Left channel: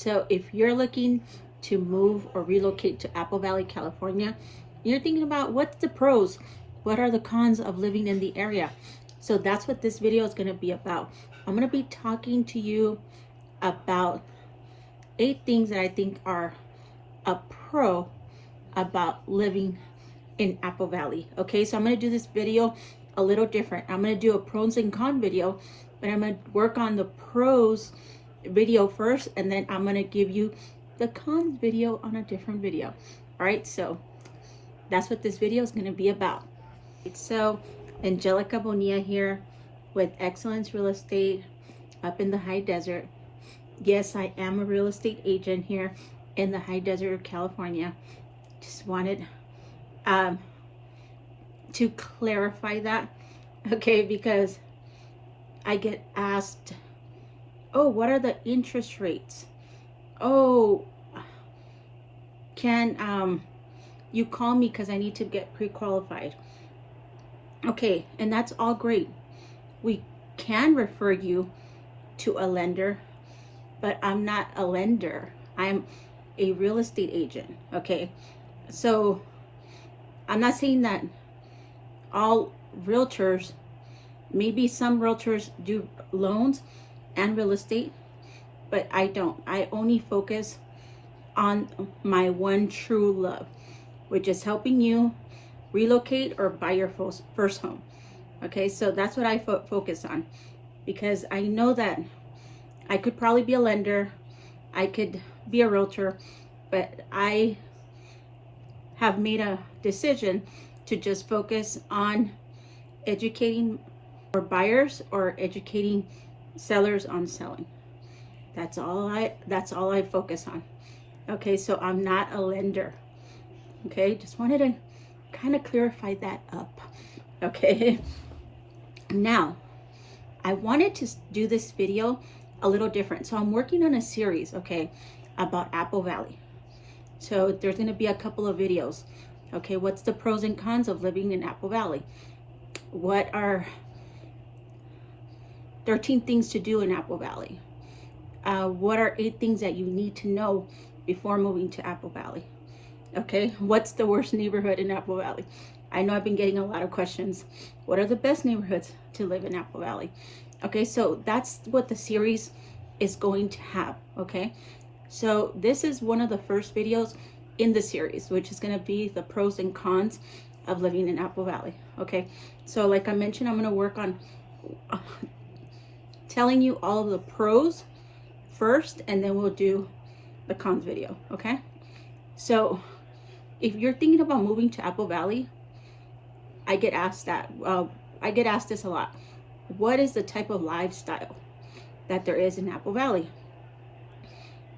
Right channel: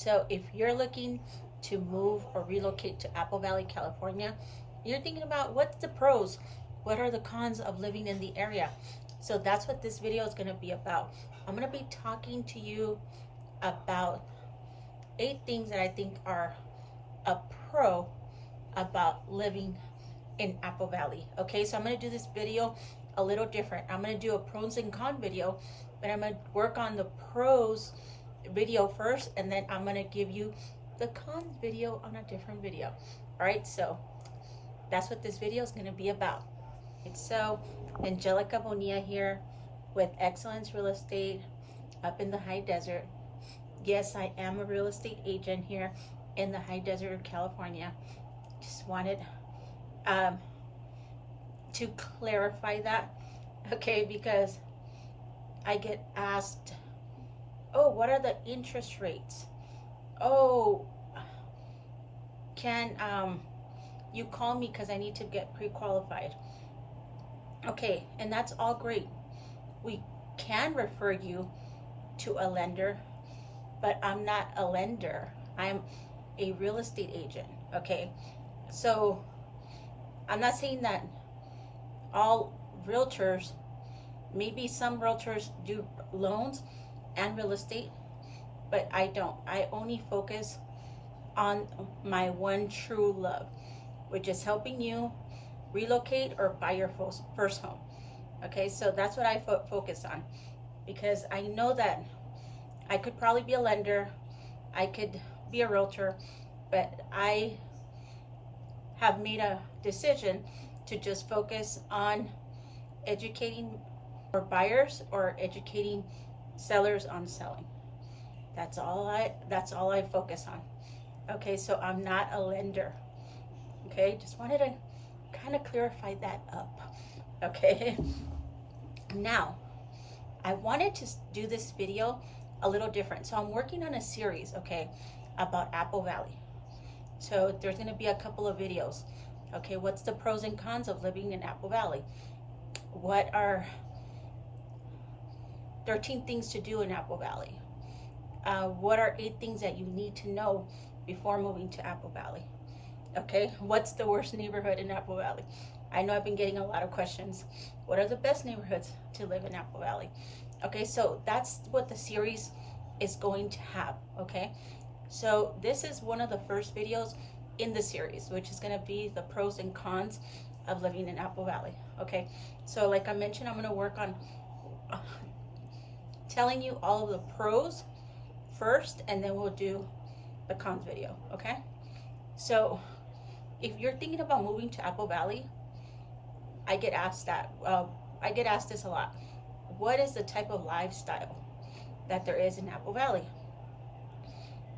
So if you're looking to move or relocate to Apple Valley, California, you're thinking about what's the pros, what are the cons of living in the area. So that's what this video is going to be about. I'm going to be talking to you about 8 things that I think are a pro about living in Apple Valley. Okay, so I'm going to do this video a little different. I'm going to do a pros and cons video, but I'm going to work on the pros video first, and then I'm going to give you the cons video on a different video. All right, so that's what this video is going to be about. So Angelica Bonilla here with Excellence Real Estate up in the high desert. Yes, I am a real estate agent here in the high desert of California. Just wanted to clarify that, okay, because I get asked, oh, what are the interest rates? Oh, can you call me because I need to get pre-qualified? Okay, and that's all great. We can refer you to a lender, but I'm not a lender. I'm a real estate agent, okay? So I'm not saying that all realtors, maybe some realtors do loans and real estate, but I don't. I only focus on my one true love, which is helping you relocate or buy your first home. Okay, so that's what I focus on, because I know that I could probably be a lender, I could be a realtor, but I have made a decision to just focus on educating or buyers or educating sellers on selling. That's all I focus on. Okay, so I'm not a lender. Okay, just wanted to kind of clarify that up. Okay, now I wanted to do this video a little different. So I'm working on a series, okay, about Apple Valley. So there's going to be a couple of videos. Okay, what's the pros and cons of living in Apple Valley? What are 13 things to do in Apple Valley? What are 8 things that you need to know before moving to Apple Valley? Okay, what's the worst neighborhood in Apple Valley? I know I've been getting a lot of questions. What are the best neighborhoods to live in Apple Valley? Okay, so that's what the series is going to have, okay? So this is one of the first videos in the series, which is going to be the pros and cons of living in Apple Valley, okay? So like I mentioned, I'm going to work on telling you all of the pros first, and then we'll do the cons video, okay? So if you're thinking about moving to Apple Valley, I get asked this a lot. What is the type of lifestyle that there is in Apple Valley?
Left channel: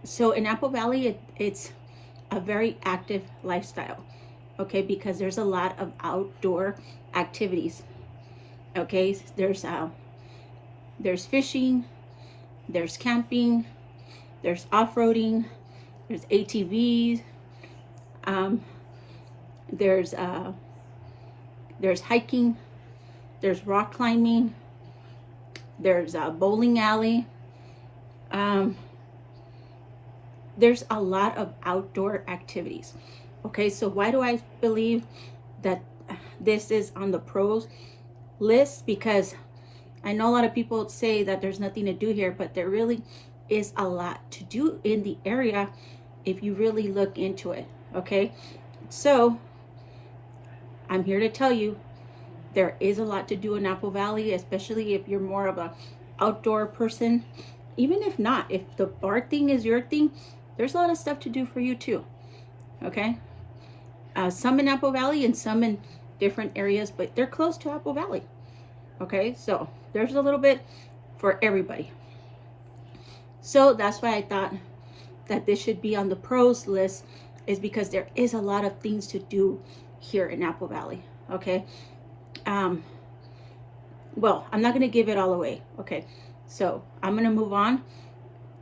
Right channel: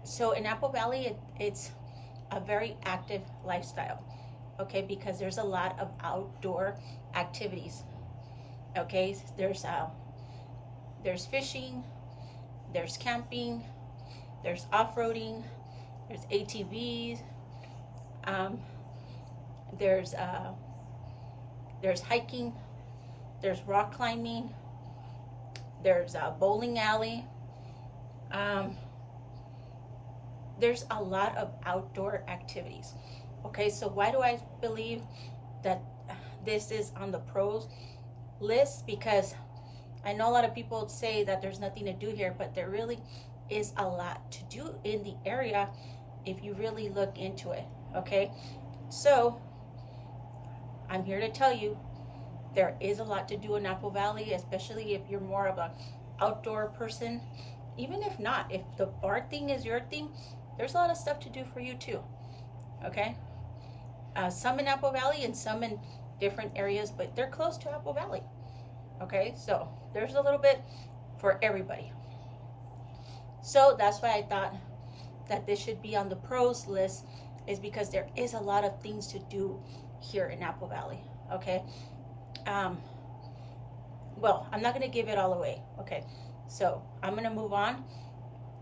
So in Apple Valley, it's a very active lifestyle, okay, because there's a lot of outdoor activities. Okay, there's fishing, there's camping, there's off-roading, there's ATVs, there's hiking, there's rock climbing, there's a bowling alley. There's a lot of outdoor activities. Okay, so why do I believe that this is on the pros list? Because I know a lot of people say that there's nothing to do here, but there really is a lot to do in the area if you really look into it. Okay, so I'm here to tell you there is a lot to do in Apple Valley, especially if you're more of a outdoor person. Even if not, if the bar thing is your thing, there's a lot of stuff to do for you too. Okay, some in Apple Valley and some in different areas, but they're close to Apple Valley. Okay, so there's a little bit for everybody. So that's why I thought that this should be on the pros list, is because there is a lot of things to do here in Apple Valley. Okay, well, I'm not going to give it all away. Okay, so I'm going to move on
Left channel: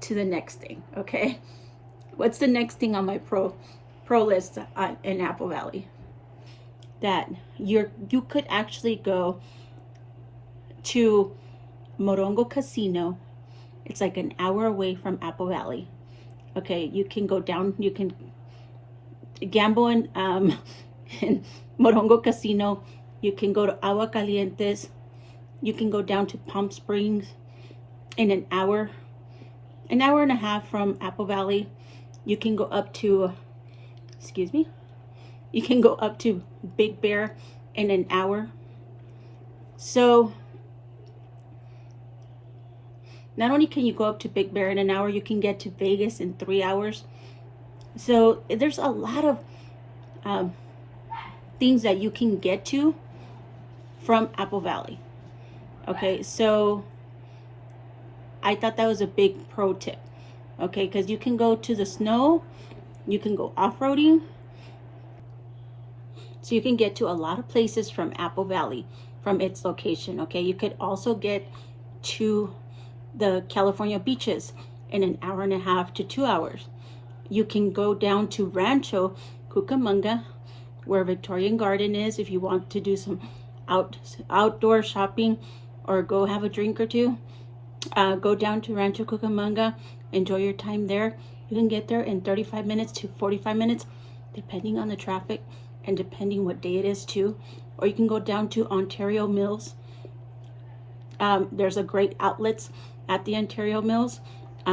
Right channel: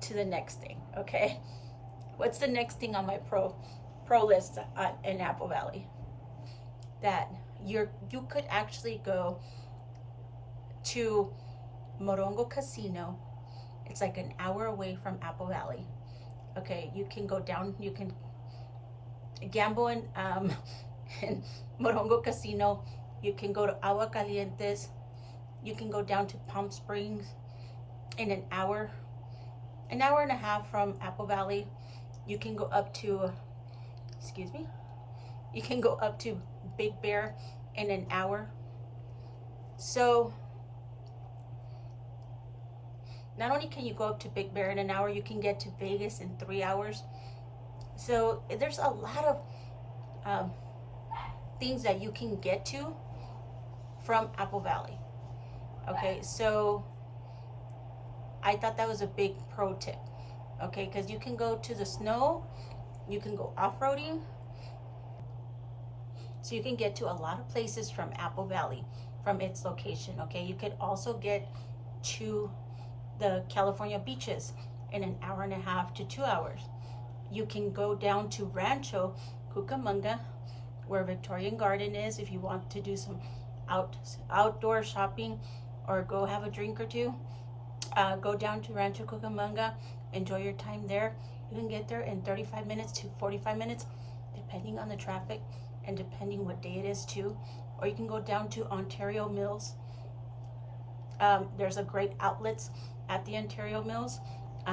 to the next thing. Okay, what's the next thing on my pro list in Apple Valley? That you could actually go to Morongo Casino. It's like an hour away from Apple Valley. Okay, you can go down, you can gamble in Morongo Casino. You can go to Agua Calientes. You can go down to Palm Springs in an hour and a half from Apple Valley. You can go up to, excuse me, you can go up to Big Bear in an hour. So not only can you go up to Big Bear in an hour, you can get to Vegas in 3 hours. So there's a lot of things that you can get to from Apple Valley. Okay, so I thought that was a big pro tip. Okay, because you can go to the snow, you can go off-roading. So you can get to a lot of places from Apple Valley, from its location. Okay, you could also get to the California beaches in an hour and a half to 2 hours. You can go down to Rancho Cucamonga, where Victorian Garden is, if you want to do some outdoor shopping or go have a drink or two. Go down to Rancho Cucamonga, enjoy your time there. You can get there in 35 minutes to 45 minutes, depending on the traffic and depending what day it is too. Or you can go down to Ontario Mills. There's a great outlets at the Ontario Mills.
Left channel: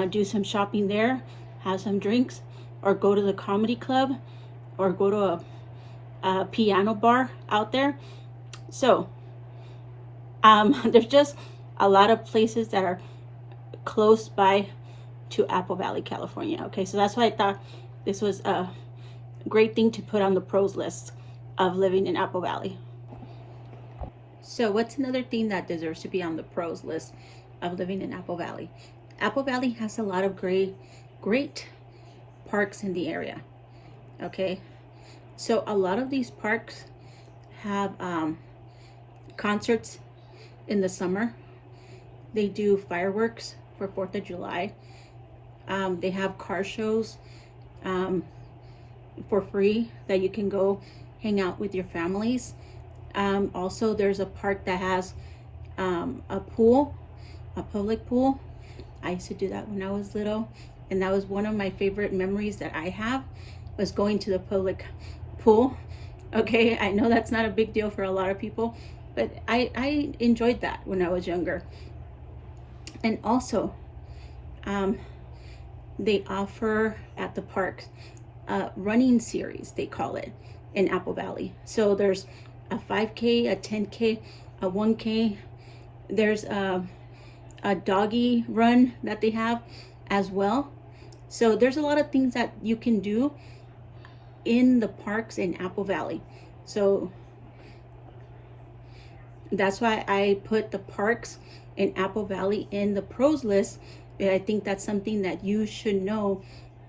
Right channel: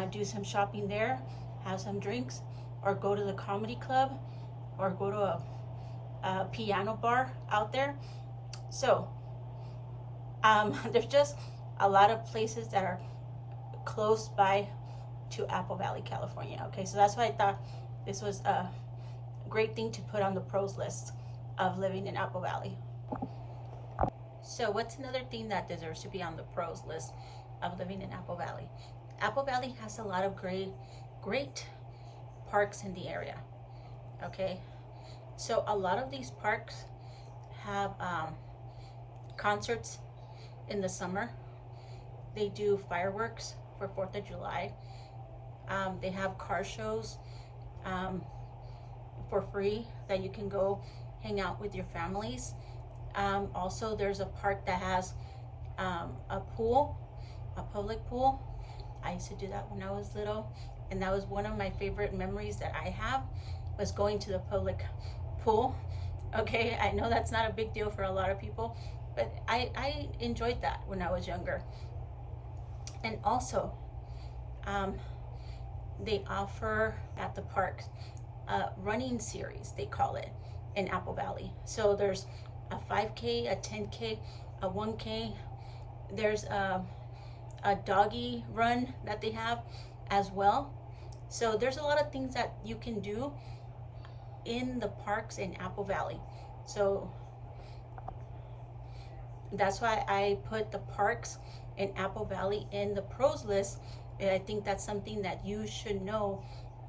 Do some shopping there, have some drinks, or go to the comedy club, or go to a piano bar out there. So there's just a lot of places that are close by to Apple Valley, California. Okay, so that's why I thought this was a great thing to put on the pros list of living in Apple Valley. So what's another thing that deserves to be on the pros list of living in Apple Valley? Apple Valley has a lot of great parks in the area. Okay, so a lot of these parks have concerts in the summer. They do fireworks for 4th of July. They have car shows for free that you can go hang out with your families. Also, there's a park that has a pool, a public pool. I used to do that when I was little, and that was one of my favorite memories that I have, was going to the public pool. Okay, I know that's not a big deal for a lot of people, but I enjoyed that when I was younger. And also, they offer at the parks a running series, they call it, in Apple Valley. So there's a 5K, a 10K, a 1K. There's a doggy run that they have as well. So there's a lot of things that you can do in the parks in Apple Valley. So that's why I put the parks in Apple Valley in the pros list. And I think that's something that you should know,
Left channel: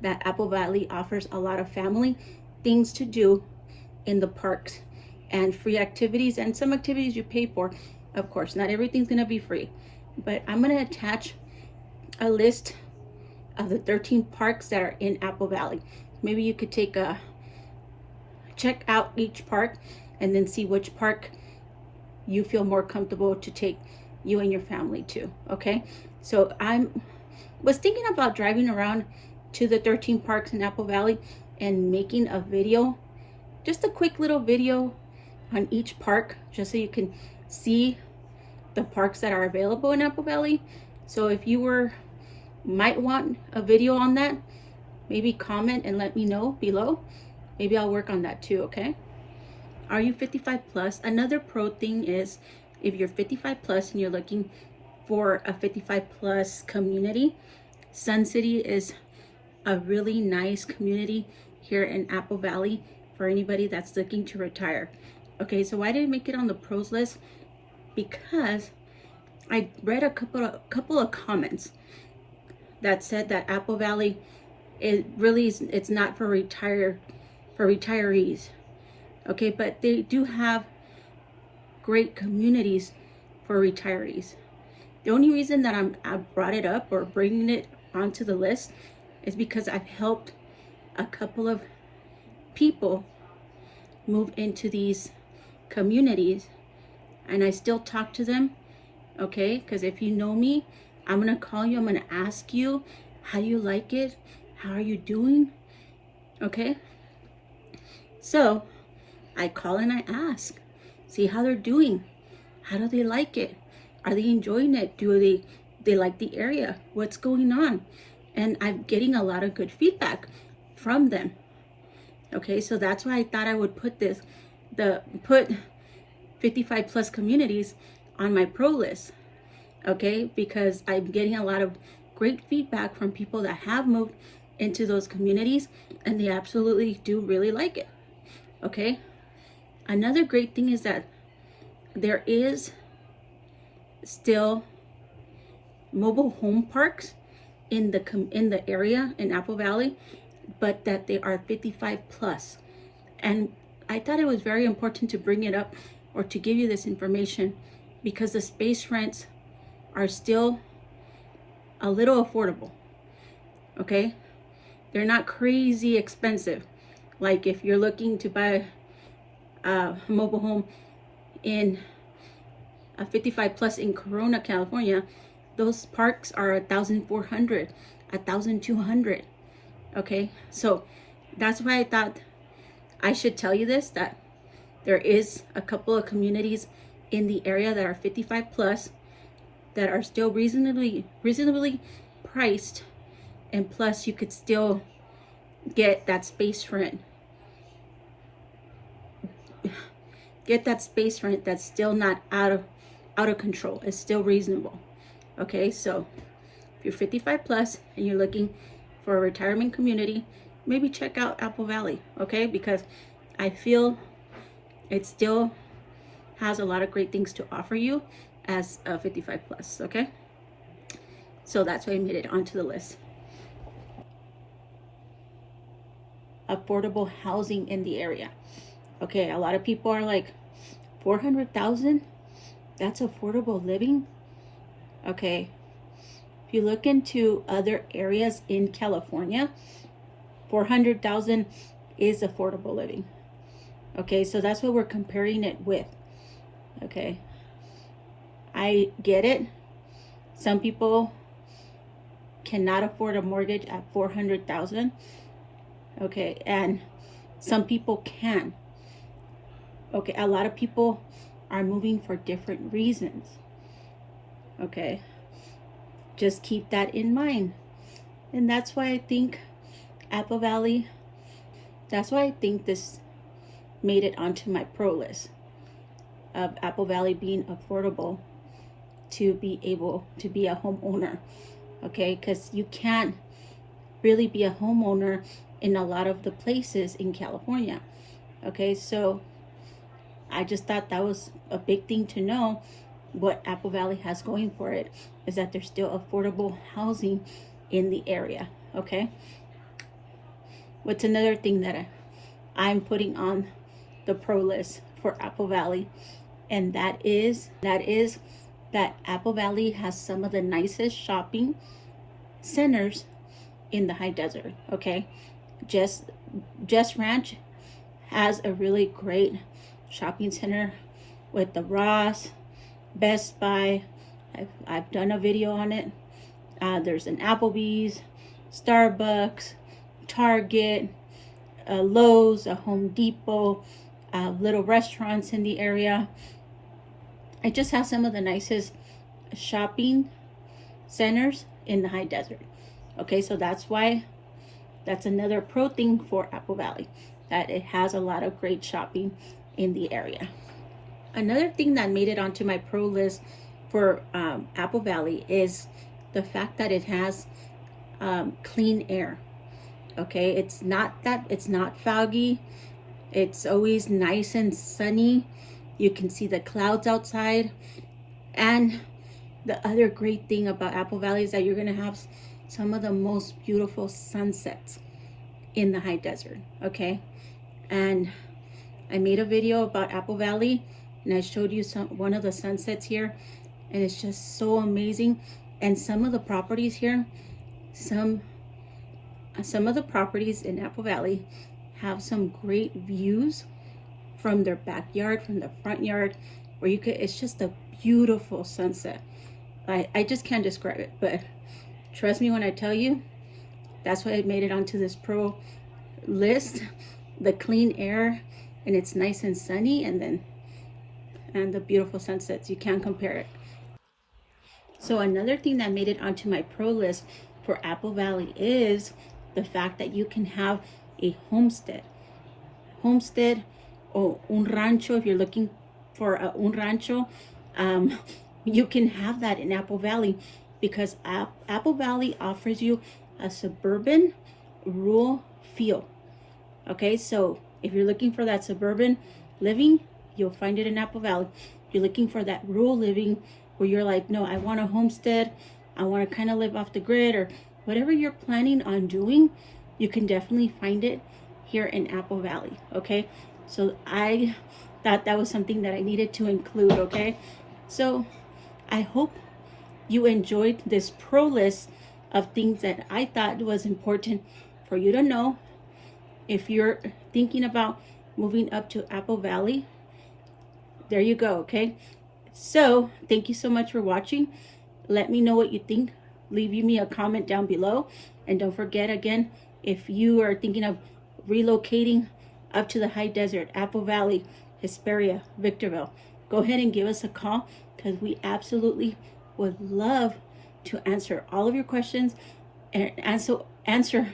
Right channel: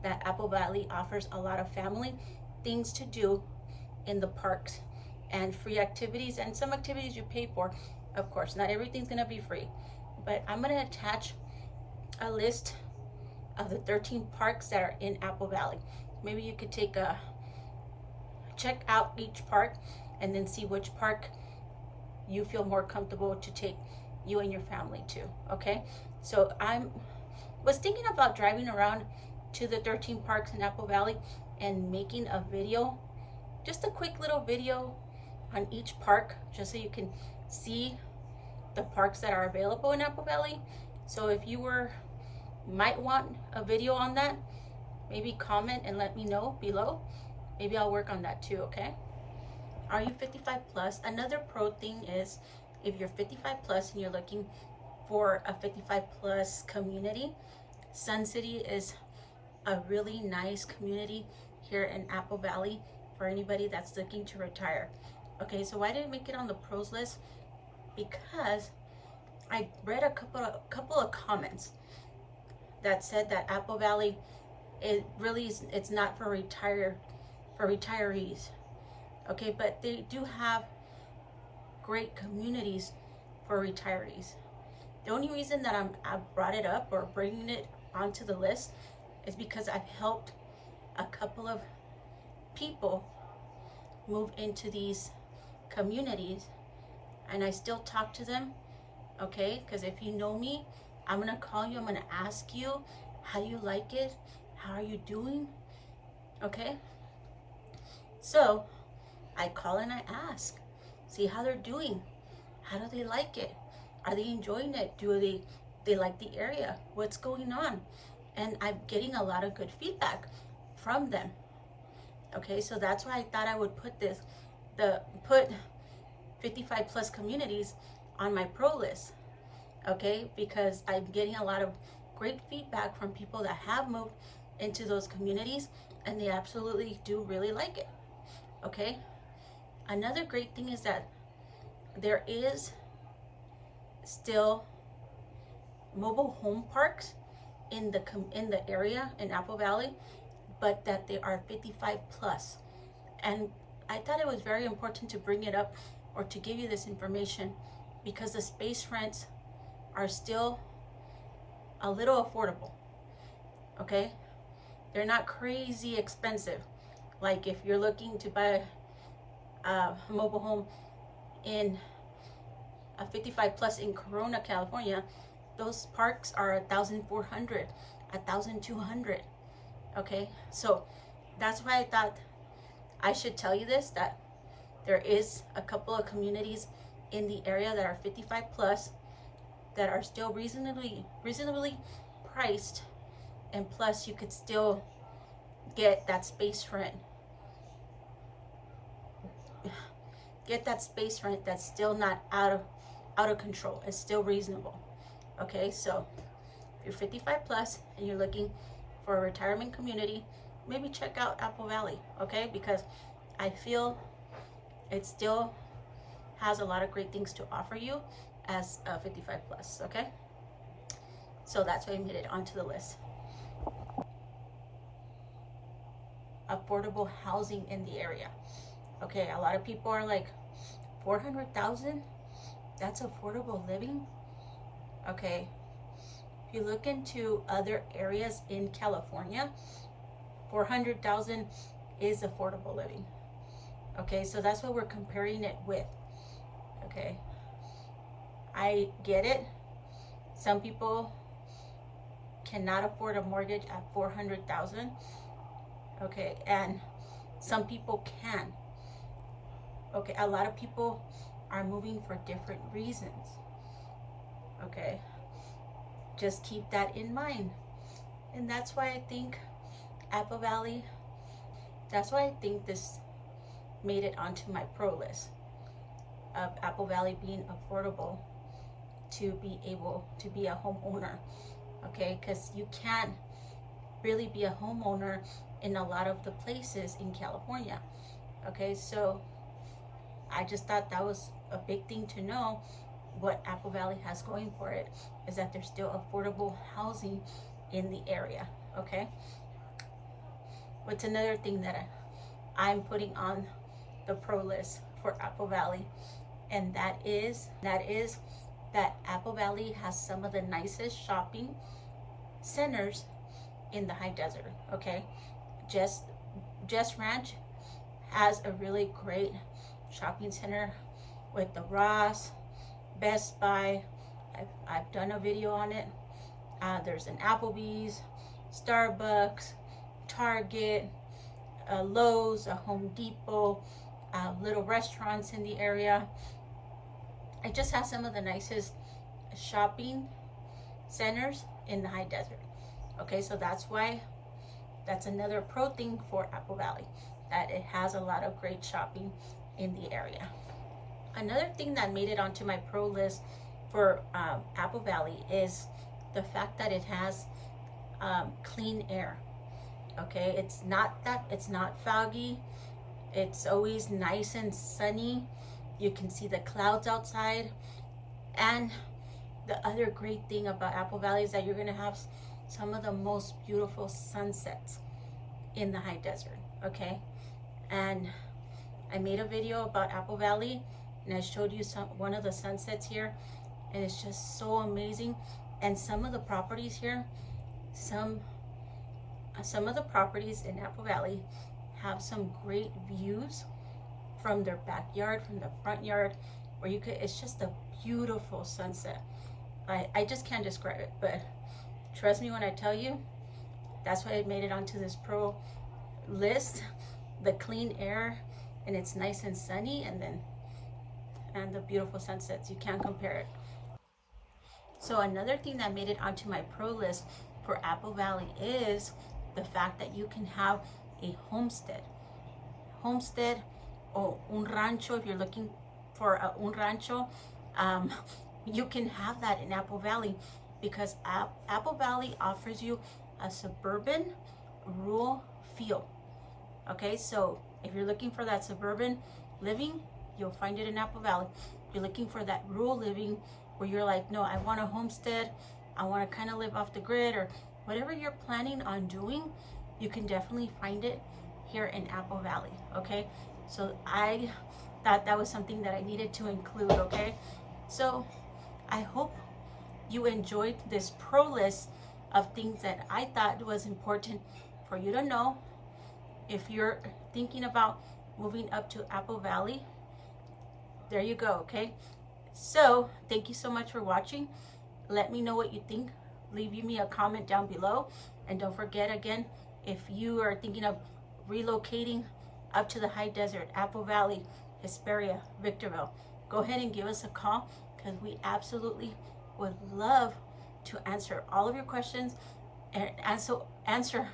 that Apple Valley offers a lot of family things to do in the parks, and free activities, and some activities you pay for. Of course, not everything's gonna be free, but I'm gonna attach a list of the 13 parks that are in Apple Valley. Maybe you could check out each park and then see which park you feel more comfortable to take you and your family to. Okay, so I was thinking about driving around to the 13 parks in Apple Valley and making a video, just a quick little video on each park, just so you can see the parks that are available in Apple Valley. So if you might want a video on that, maybe comment and let me know below. Maybe I'll work on that too. Okay, are you 55 plus? Another pro thing is, if you're 55 plus and you're looking for a 55 plus community, Sun City is a really nice community here in Apple Valley for anybody that's looking to retire. Okay, so why did I make it on the pros list? Because I read a couple of comments that said that Apple Valley, it's not for retirees. Okay, but they do have great communities for retirees. The only reason that I brought it up or bringing it onto the list is because I've helped a couple of people move into these communities, and I still talk to them. Okay, because if you know me, I'm gonna call you, I'm gonna ask you, how do you like it? How are you doing? Okay. So I call and I ask, see how they're doing. How do they like it? Are they enjoying it? Do they like the area? What's going on? And I'm getting a lot of good feedback from them. Okay, so that's why I thought I would put 55 plus communities on my pro list. Okay, because I'm getting a lot of great feedback from people that have moved into those communities and they absolutely do really like it. Okay, another great thing is that there is still mobile home parks in the area in Apple Valley, but that they are 55 plus. And I thought it was very important to bring it up or to give you this information because the space rents are still a little affordable. Okay, they're not crazy expensive. Like if you're looking to buy a mobile home in a 55 plus in Corona, California, those parks are 1,400, 1,200. Okay, so that's why I thought I should tell you this, that there is a couple of communities in the area that are 55 plus that are still reasonably priced, and plus you could still get that space rent. Get that space rent that's still not out of control. It's still reasonable. Okay, so if you're 55 plus and you're looking for a retirement community, maybe check out Apple Valley, okay? Because I feel it still has a lot of great things to offer you as a 55 plus, okay? So that's why I made it onto the list. Affordable housing in the area. Okay, a lot of people are like, 400,000? That's affordable living? Okay, if you look into other areas in California, 400,000 is affordable living. Okay, so that's what we're comparing it with. Okay, I get it. Some people cannot afford a mortgage at 400,000. Okay, and some people can. Okay, a lot of people are moving for different reasons. Okay, just keep that in mind. And that's why I think Apple Valley, that's why I think this made it onto my pro list of Apple Valley being affordable to be able to be a homeowner. Okay, because you can't really be a homeowner in a lot of the places in California. Okay, so I just thought that was a big thing to know. What Apple Valley has going for it is that there's still affordable housing in the area. Okay, what's another thing that I'm putting on the pro list for Apple Valley, and that is that Apple Valley has some of the nicest shopping centers in the high desert. Okay, Just Ranch has a really great shopping center with the Ross, Best Buy. I've done a video on it. There's an Applebee's, Starbucks, Target, Lowe's, a Home Depot, little restaurants in the area. It just has some of the nicest shopping centers in the high desert. Okay, so that's another pro thing for Apple Valley, that it has a lot of great shopping in the area. Another thing that made it onto my pro list for Apple Valley is the fact that it has clean air. Okay, it's not foggy. It's always nice and sunny. You can see the clouds outside. And the other great thing about Apple Valley is that you're gonna have some of the most beautiful sunsets in the high desert. Okay, and I made a video about Apple Valley and I showed you one of the sunsets here, and it's just so amazing. And some of the properties here, some of the properties in Apple Valley have some great views from their backyard, from the front yard, where it's just a beautiful sunset. I just can't describe it, but trust me when I tell you That's why I made it onto this pro list. The clean air, and it's nice and sunny, and the beautiful sunsets. You can't compare it. So another thing that made it onto my pro list for Apple Valley is the fact that you can have a homestead or un rancho. If you're looking for un rancho, you can have that in Apple Valley, because Apple Valley offers you a suburban rural feel. Okay, so if you're looking for that suburban living, you'll find it in Apple Valley. If you're looking for that rural living where you're like, no, I want a homestead, I want to kind of live off the grid, or whatever you're planning on doing, you can definitely find it here in Apple Valley. Okay, so I thought that was something that I needed to include. Okay, so I hope you enjoyed this pro list of things that I thought was important for you to know if you're thinking about moving up to Apple Valley. There you go. Okay, so thank you so much for watching. Let me know what you think. Leave me a comment down below, and don't forget, again, if you are thinking of relocating up to the high desert, Apple Valley, Hesperia, Victorville, go ahead and give us a call, because we absolutely would love to answer all of your questions and answer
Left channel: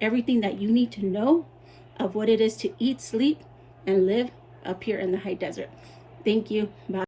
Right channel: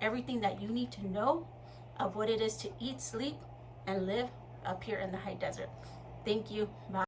everything that you need to know of what it is to eat, sleep, and live up here in the high desert. Thank you. Bye.